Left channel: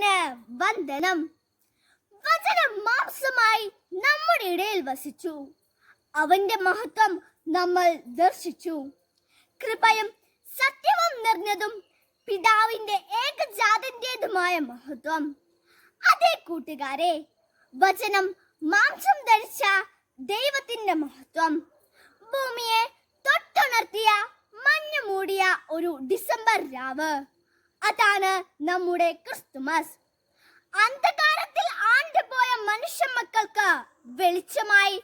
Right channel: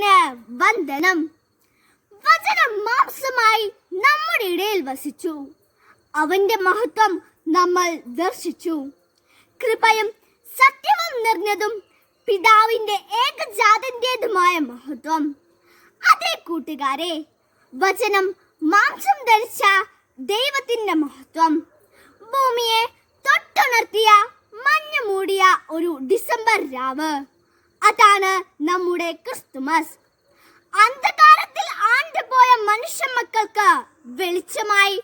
ദൈവത്തിന് വന്ദനം. വചനം മാംസമായി നമ്മുടെ ഇടയിൽ വസിച്ചു. അവന്റെ മഹത്വം നമ്മൾ ദർശിച്ചു. കൃപയും സത്യവും നിറഞ്ഞതും പിതാവിന്റെ ഏകജാതന്റേതുമായ മഹത്വം. അതേ കൂട്ടുകാരെ, വചനം മാംസം ധരിച്ച ദൈവത്തിന്റെ മഹത്വം. ഭൂമിയെ തൊട്ടുണർത്തിയ മഞ്ഞു മൂടിയ ഒരു ഡിസംബർ രാവ്, അതാണ് നമ്മുടെ ക്രിസ്തുമസ്. അന്ധകാരത്തിൽ ആണ്ടുപോയ മനുഷ്യ മക്കൾക്ക് വെളിച്ചമായി,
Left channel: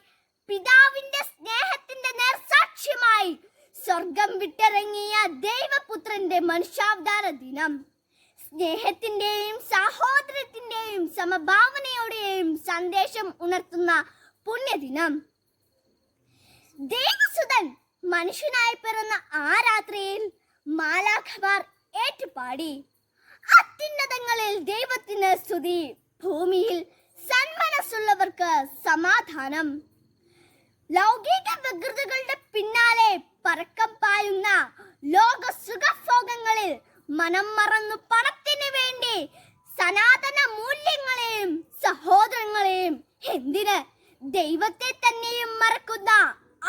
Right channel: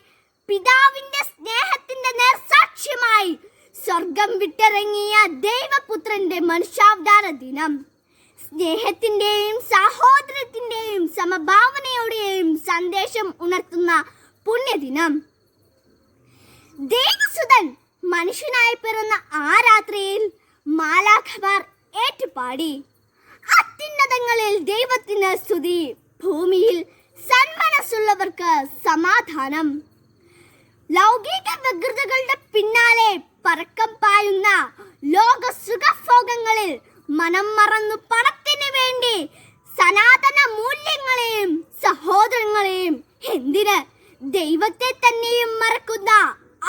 പിതാവിന്റെ സ്നേഹത്തിന്റെ നേർസാക്ഷ്യമായി സ്വർഗം വിട്ടിറങ്ങിയ ദൈവപുത്രന്റെ മനുഷ്യാവതാര ദിനം. സ്നേഹത്തിന്റെയും സഹോദരത്തിന്റെയും സമഭാവനയുടെയും സന്ദേശം ഉണർത്തുന്ന പുണ്യദിനം. ദേവസുതൻ മനുഷ്യനായി പിറന്ന ആ രാത്രിയിൽ മാലാഖമാർ ഏറ്റുപാടി, അത്യുന്നതങ്ങളിൽ ദൈവത്തിന് സ്തുതി, ഭൂമിയിൽ സന്മനസ്സുള്ളവർക്ക് സമാധാനം. ലൗകിക വ്യഗ്രതകളുടെ പിന്നാലെ പറക്കം പായുന്ന ലോക സുഖഭോഗങ്ങളിൽ മനം മറന്നു പണത്തിന് വേണ്ടി സനാതന മൂല്യങ്ങളെയും സഹോദരങ്ങളെയും, എന്തിന് ദൈവത്തെ തന്നെയും മറക്കുന്ന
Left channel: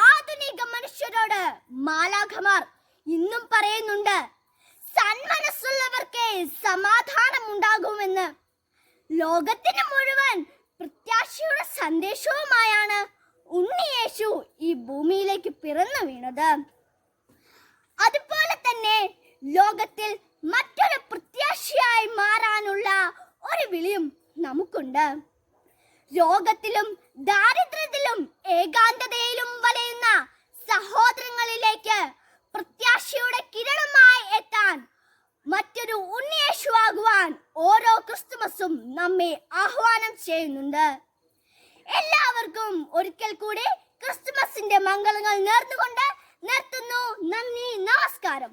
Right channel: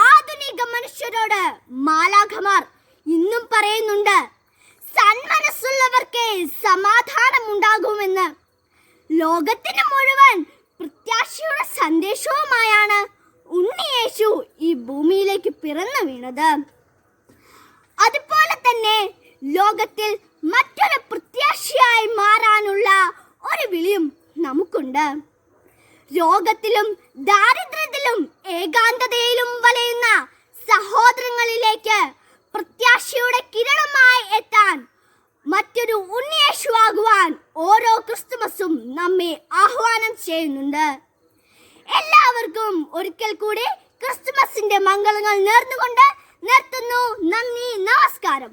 ആധുനിക മനുഷ്യരോട് മാലാഖമാർ ഇന്നും പറയുന്നുണ്ട്, സന്മനസ്സുള്ളവർക്ക് സമാധാനം ഉണ്ടാകുമെന്ന്. ലോകത്തിന് മുഴുവൻ പ്രത്യാശയുടെ സന്ദേശവുമായാണ് ഉണ്ണിയേശു ഈ ഭൂമിയിലേക്ക് പിറന്നു വീണത്. അതുപോലെ തന്നെ ലോകത്തിൽ മറ്റൊരു പ്രത്യാശയായി മാറാനുള്ള ഒരു വിളിയും നമുക്കുണ്ട്. രോഗത്തിലും ദാരിദ്ര്യത്തിലും ഏകാന്തതയിലും വലയുന്ന സഹോദരങ്ങളിലേക്ക് പ്രത്യാശയുടെ കിരണമായി എത്താൻ, മറ്റൊരു ഉണ്ണിയേശുവാകുവാൻ ഓരോ ക്രിസ്തുമസും നമ്മെ ആഹ്വാനം ചെയ്യുന്നുണ്ട്. എല്ലാവർക്കും ഒരിക്കൽ കൂടി ക്രിസ്തുമസിന്റെ മംഗളങ്ങൾ നേർന്നുകൊണ്ട് നിർത്തുന്നു. നന്ദി, നമസ്കാരം.